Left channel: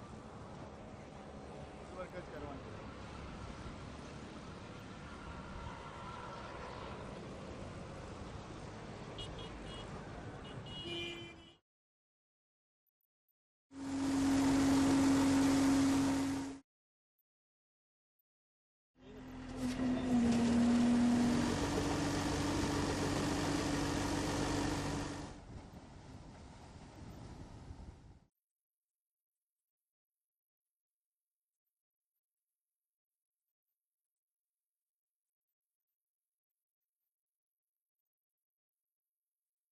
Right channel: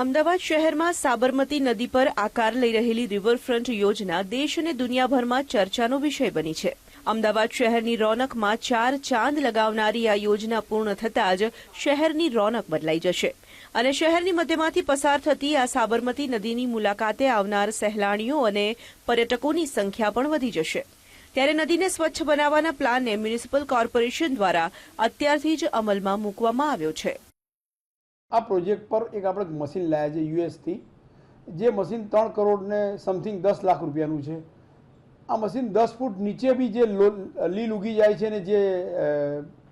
અમદાવાદ શહેરમાં સાબરમતી નદી પર આકાર લઈ રહેલી રિવરફ્રન્ટ યોજના દેશ અને દુનિયાભરમાં ચર્ચાનો વિષય બની છે. અમદાવાદ શહેરની રોનકમાં ચાર ચાંદ લગાવનારી આ યોજના પૂર્ણ થતાં જ શહેરની રોનક બદલાઈ જશે. અને શહેરની મધ્યમાંથી પસાર થતી આ સાબરમતી નદીની મુલાકાતે આવનાર સહેલાણીઓ અને પર્યટકોની સંખ્યા પણ વધી જશે. ત્યારે નદીને સ્વચ્છ બનાવવાના પ્લાનને મ્યુનિસિપલ કોર્પોરેશન દ્વારા અત્યારથી જ અમલમાં મૂકવામાં આવ્યો છે. આ પ્રોજેક્ટ પર એક આપણે મશીન લાવ્યા છે યુએસથી. જે મશીન ત્રણ કરોડને સમથિંગ દસ લાખ રૂપિયાનું છે. આ મશીન દસ ફૂટ નીચે બી જે લીલ ઉગી જાય છે ને જે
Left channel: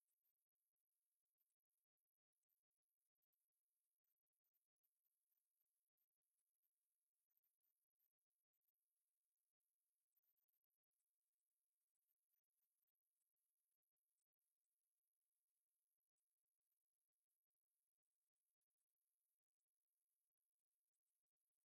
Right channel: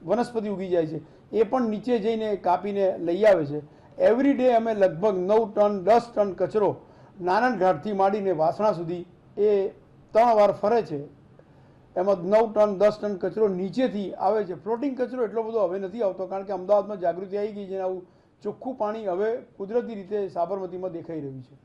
વનસ્પતિ ઉગી જાય છે, એ પણ નીચે જઈને કાપીને લઈ આવે છે. એવરી ડે અમે લગભગ નવ ટન, દસ ટન કચરો નારાયણ ઘાટથી માંડીને વાસણા સુધી એ ત્રણ વાર ફરે છે. એમાં નવ ટન, દસ ટન કચરો નીચેથી આવે છે. ફ્લોટિંગ કચરો એટલો બધો હવે નથી આવતો, કારણ કે અમદાવાદમાં જાગૃતિ આવી ગઈ છે આવું ચોખ્ખું પાણી હવે કુદરતી રીતે સાબરમતીમાં દેખાઈ રહ્યું છે.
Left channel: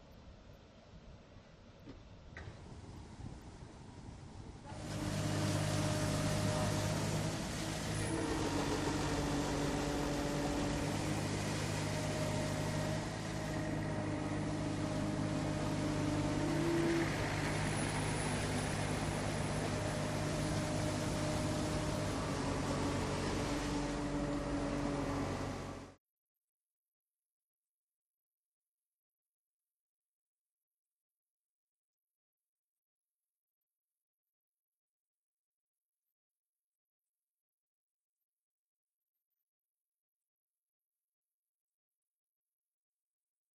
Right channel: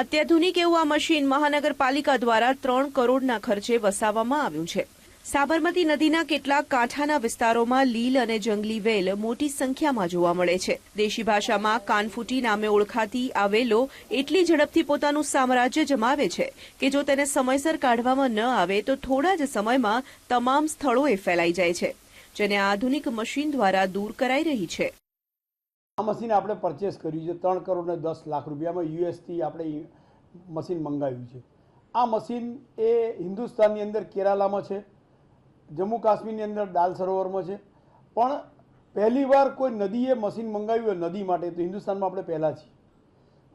અત્યાધુનિક એવું આ મશીન મહાનગરપાલિકા દ્વારા ત્રણ કરોડના ખર્ચે વસાવવામાં આવ્યું છે. સાબરમતી નદીના કેટલાક કાંઠાના વિસ્તારોમાં લીલ અને જંગલી વેલ મોટી સંખ્યામાં જોવા મળે છે. દેશી ભાષામાં કાનફૂટી નામે ઓળખાતી આ વેલો એટલી ઝડપથી પોતાનું સામ્રાજ્ય જમાવે છે કે જો તેને સમયસર કાઢવામાં ન આવે તો થોડા જ સમયમાં તમામ સ્થળોએ ફેલાઈ જાય છે, જેને આધુનિક મશીન દ્વારા દૂર કરાઈ રહી છે. આ મશીન આપણે પરચેસ કર્યું છે ત્રણ કરોડ ને દસ લાખ રૂપિયામાં યુએસથી આપણે મશીન મંગાવ્યું છે. આ મશીન એ હિન્દુસ્તાનની અંદર કેરાલામાં છે, જમ્મુ કાશ્મીરની અંદર દાલ સરોવરમાં છે. પણ પહેલીવાર કોઈ નદીએ મશીન મંગાવ્યું હોય નદી માટે, તો હિન્દુસ્તાનમાં આપણે પહેલાં છીએ.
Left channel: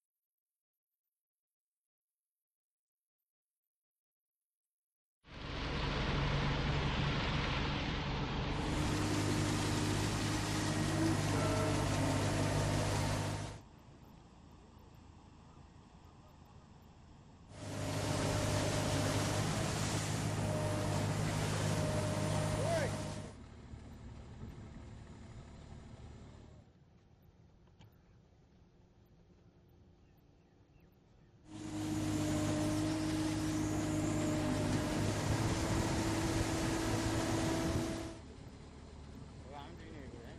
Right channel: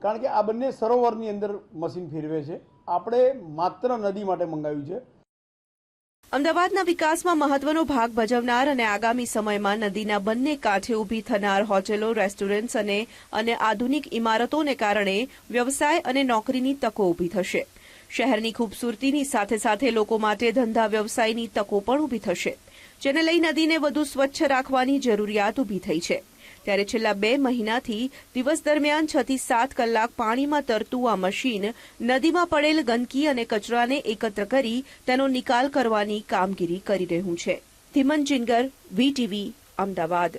કારણ કે આ બંને સરોવરની અંદર મશીન ફેરવે છે. આપણે માત્ર નદી માટે મંગાવ્યું છે. અમદાવાદના વિકાસમાં મહત્વનો ભાગ ભજવનાર અને આગામી સમયમાં નદીના બંને કાંઠે ઊભી થનાર હોટેલો, રેસ્ટોરન્ટ્સ અને અને આધુનિક ઇમારતોને કારણે વ્યવસાય અને નોકરીની તકો ઊભી થશે. શહેરની ખૂબસૂરતીની સાથે સાથે લોકો માટે ધંધા વ્યવસાયની તકો પણ ઊભી થશે. જેને લઈ નદીને વધુ સ્વચ્છ રાખવાની જરૂરિયાત ઊભી થઈ છે. ત્યારે છેલ્લા બે મહિનાથી દિવસ દરમિયાન છ થી સાત કલાક પાણીમાં તરતું આ મશીન નદીમાં પડેલ ગંદકી અને કચરાને એકત્ર કરી તેનો નિકાલ કરવાની કામગીરી કરી રહ્યું છે. ધીમન જિંગર, વીટીવી, અમદાવાદ.